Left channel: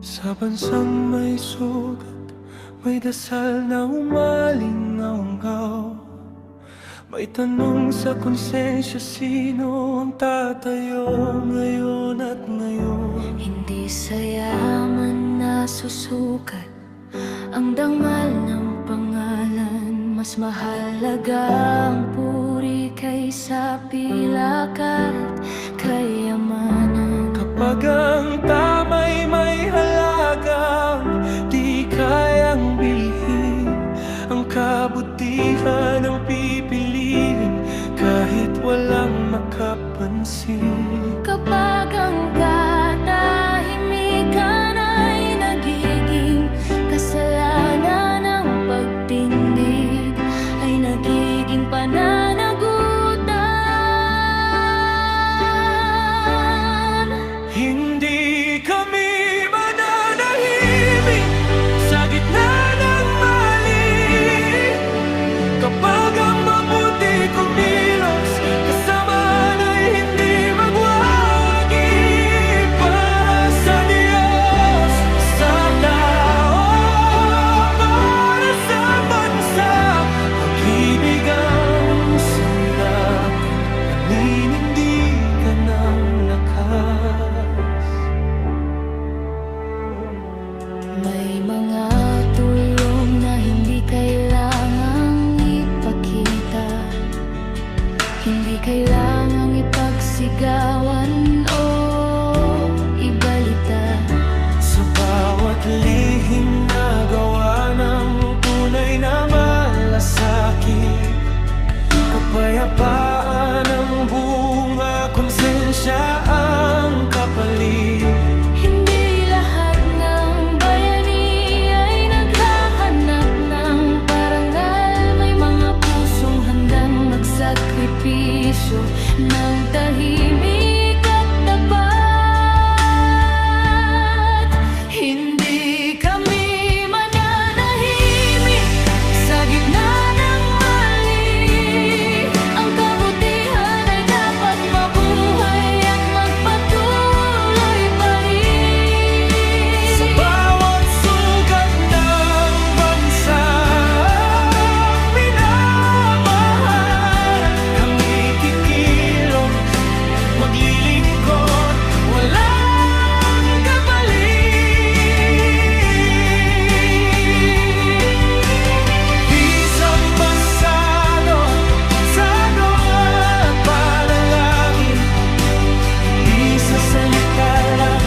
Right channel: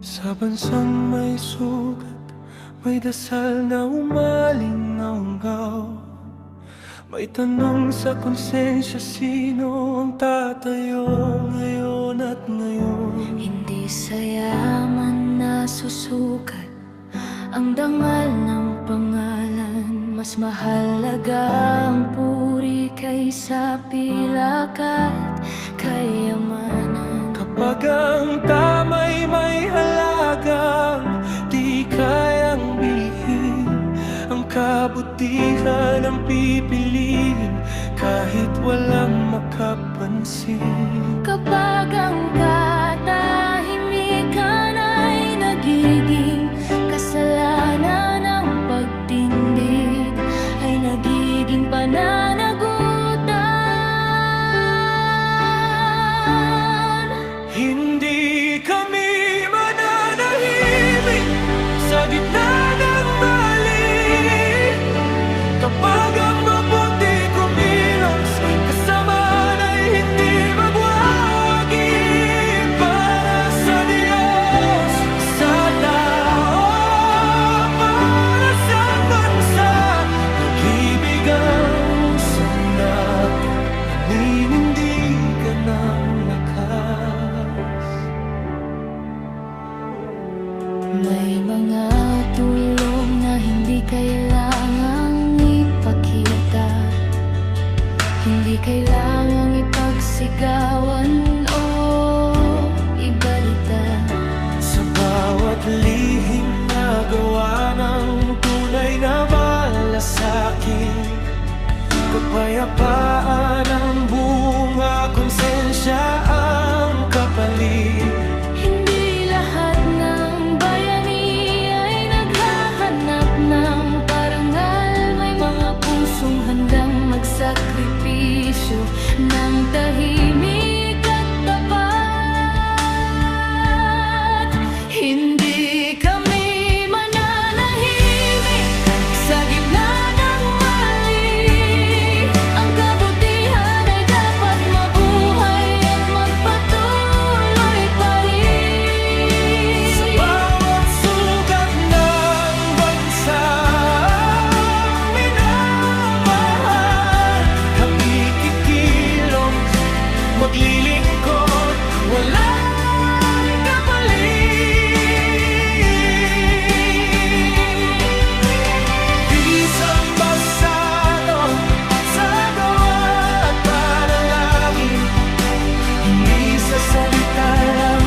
Sa bansang may sugat, may dasal na umalingaw. May tanong sa konsensya, sino ang tatayo ngayon at ngayon? Hindi sa yaman na susukat ang dangal ng pangalan. Mas mahalaga ang puri kaysa pilak at kayamanan. Kapag ang tama'y may halagang di kayang bilhin, ang kabutihan ang pipiliin kahit walang makapansin. Kapag ang katahimikan ay nagiging kasalanan, ng pagtindig ay nagiging pananagutan. Hindi kami mananahimik sa gitna ng mali. Kapag ang mabuti kumilos, kasamaan ay hindi magwawagi. Para sa Diyos, sa tao, para sa bansa, pag-ibig ang sandat, paninindigan ng lakas. May mga tulong na hindi kailangang ipakita, hindi kailangang ipagsigawan o ibalita. Sa bawat lihim na gawa ng tunay na malasakit, kapayapaan ang bunga, konsensya ang kapalit. Hindi lahat ng bayani ay naghahanap ng parangal. May mga pusong handang magsakripisyo ng tahimik at tapat. Hindi kami mananahimik sa gitna ng mali. Ang kabutihan ay dapat mabuhay at magpatuloy pa rin. Sa bawat sugat ng bansang minamahal, kami kikilos, maglilingkod, walang kapalit. Di sambasado sa gawa at panalangin, hindi sa salita lang,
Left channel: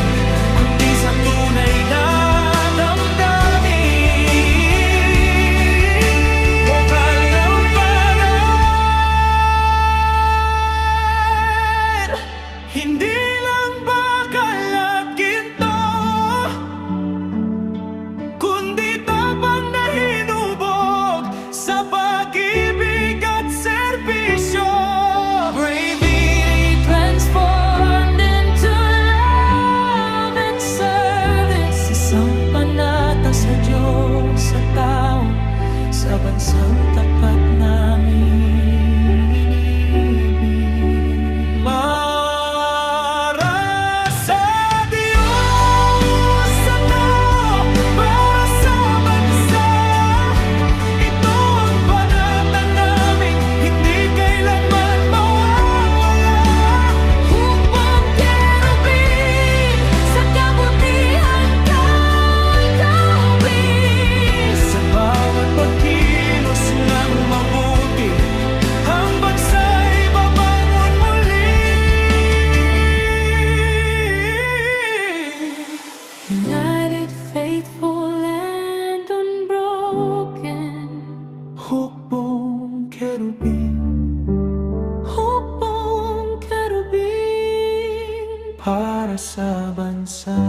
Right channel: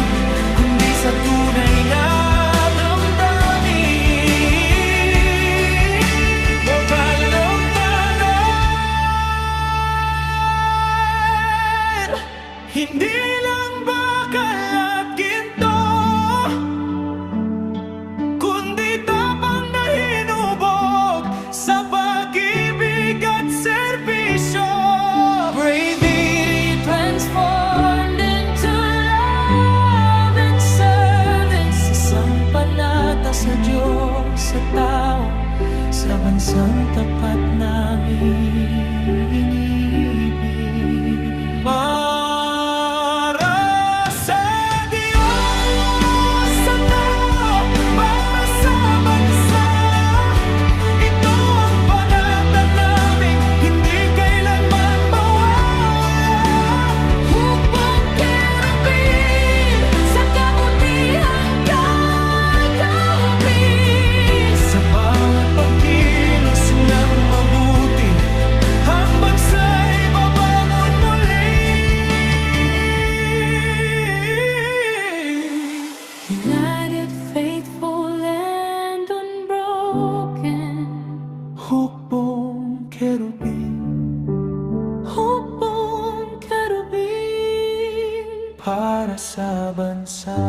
kundi sa tunay na damdamin. Mobile ng banal, hindi lang bakal at ginto, kundi tapang na hinubog sa pag-ibig at serbisyo. Bravery transformed into love and service. Isang panata sa Diyos, sa tao, sa bansang tapat namin inibig. Para sa Diyos, sa tao, para sa bansa, ito ang panata naming hindi kailanman mawawala. Hukbong kerubin, sa kabutihan kay kaubin. Sa bawat pagkilos ng mabuti, ang bansa'y babangon muli. United, faithful and unbroken. Hukbong kerubin, Hukbong kerubin. para sa bansa.